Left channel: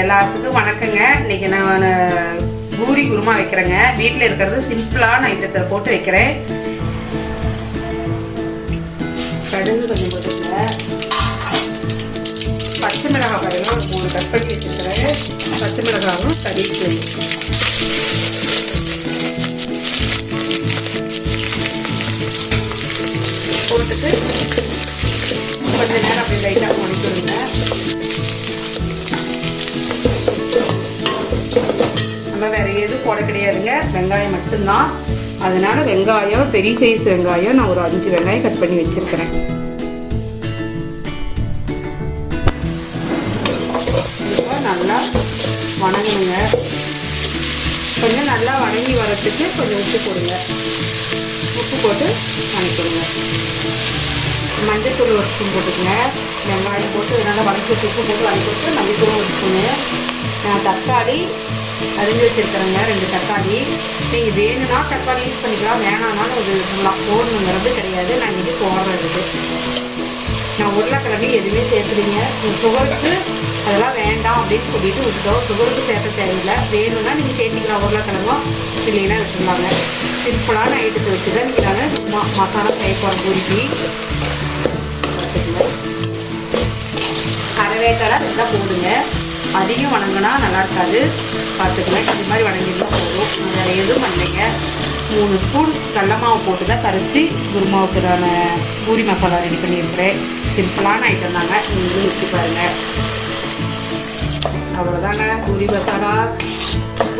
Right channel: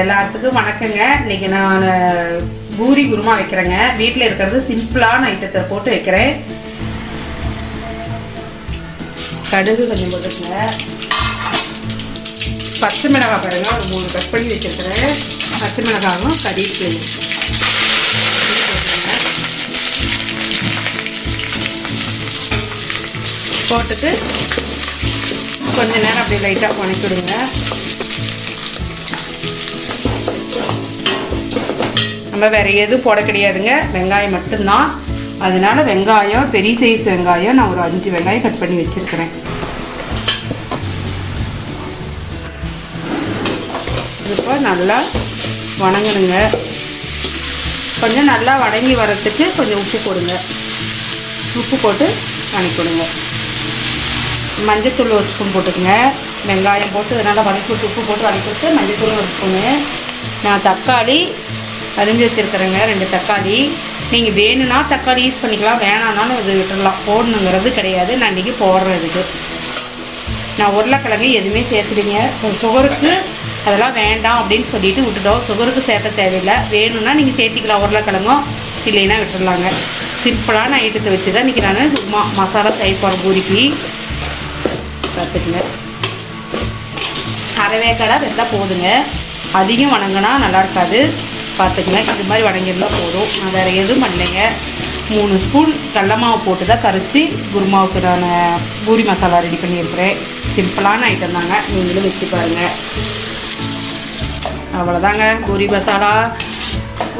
எல்லாத்துக்கும் வணக்கங்க. இன்னைக்கு நான் பூரி குருமா வைக்கிறேங்க. வீட்டில் இருக்கிறது சிம்பிளான ஐட்டத்தில் போட்டு வைக்கிறேன். கடுகு தண்ணி போட்டுக்கல பச்சை மிளகாய் பாருங்க. ஒரு மூணு கட் பண்ணி வச்சிருக்கிறேன். பச்சை மிளகாவும் கறிவேப்பிலை போட்டுட்டு கொஞ்ச நேரம் அப்படியே லைட்டாக வணக்கி நம்ம வேற எதுவும் போட கிடையாதுங்க. வெங்காயம் மட்டும்தான். அதனால வெங்காயம் பெரிய சைஸ் வெங்காயம் நான் ஒரு அஞ்சு வெங்காயம் கட் பண்ணி வச்சிருக்கிறேன். இப்போ நல்லா வணங்கணுங்க. கொஞ்சம் நல்லா வணங்கி வரத்துக்கு கொஞ்சம் உப்பு போடுங்க. உப்பு போட்டு வணக்கிடுங்க. மஞ்சத்தூள் ஒரு ஸ்பூன் போட்டுக்கோங்க. வெங்காயம் போட்டு அதனால் வதக்கி விட்டு உப்பு போட்டு வதக்கி விட்டு மஞ்சத்தூள் ஒரு ஸ்பூனு. நான் தக்காளி அரிஞ்சு வச்சுருக்கிறேங்க ரெண்டு தக்காளி. நீங்கள் வேணும்னா தக்காளி யூஸ் பண்ணிக்கலாம் வேணாம்னாலும் இது விட்டுடலாம் போடணுங்கிறது கிடையாது. நான் இன்றைக்கி போடுறது. நான் உருளைக்கிழங்கு எதுவுமே சேர்த்துறீங்க சுகருக்கு அதெல்லாம் வேண்டாம் அப்படின்னு சொல்லிட்டு விட்டுட்டோம். சுகருக்கு சேர்த்த தேவையில்லை. வேணும்னா நீங்கள் சேர்த்திக்கலாம் உருளைக்கிழங்கும் இல்லைன்னா விட்டுடலாங்க. சிம்பிளான ஐட்டத்தை வச்சு தான் இன்றைக்கி நான் மா மசாலா செய்யப்போகிறேன் பூரிக்கு. பார்த்துக்கங்க அரைவேக்காடாக வெந்தால் போடுங்க அதிகம் வணங்கினா நல்லா இருக்காது. பார்த்துக்கலாம் இது மாதிரி வணங்கிருந்தா போதும் வேறு எதுவும் பண்ணலைங்க. மூணு ஸ்பூன் கடல மாவு போட்டு தான் கரைச்சி குருமாவுக்குதான பூரி மசாலா ரெடி பண்ணியிருக்கிறேன். சிம்பிளான ஐட்டம் தாங்க. நீங்களும் வச்சு அவ்வளோதாங்க. பூரி மசாலா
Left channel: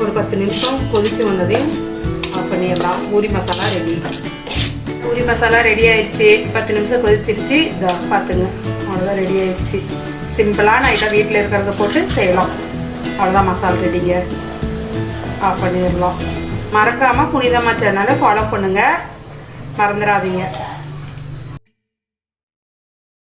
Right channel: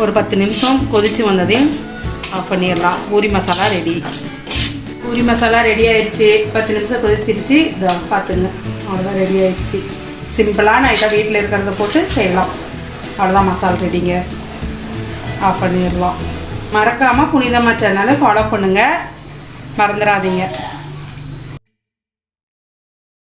ஒரு பத்து நிமிஷம் கொதித்து வந்ததையும் ஆஃப் பண்ணிடலாம். பூரி மசாலா ரெடி. பூரி மசாலா ரெடி ஆயிடுச்சு. பத்து நிமிஷம் கொதிச்சிருச்சு. இதாக பார்த்துங்க. அவ்வளோதான் ரெடி ஆயிடுச்சு. சிம்பிளான ஐட்டம் வீட்டில் இருக்கிறத போட்டு செய்யலாம். அவ்வளோதான் மசாலா ரெடிங்க ஆஃப் பண்ணிடலாம். மறக்காமல் புனிதமாக சேனலை ஃபாலோ பண்ணுங்கள் மறந்துடாதீங்க.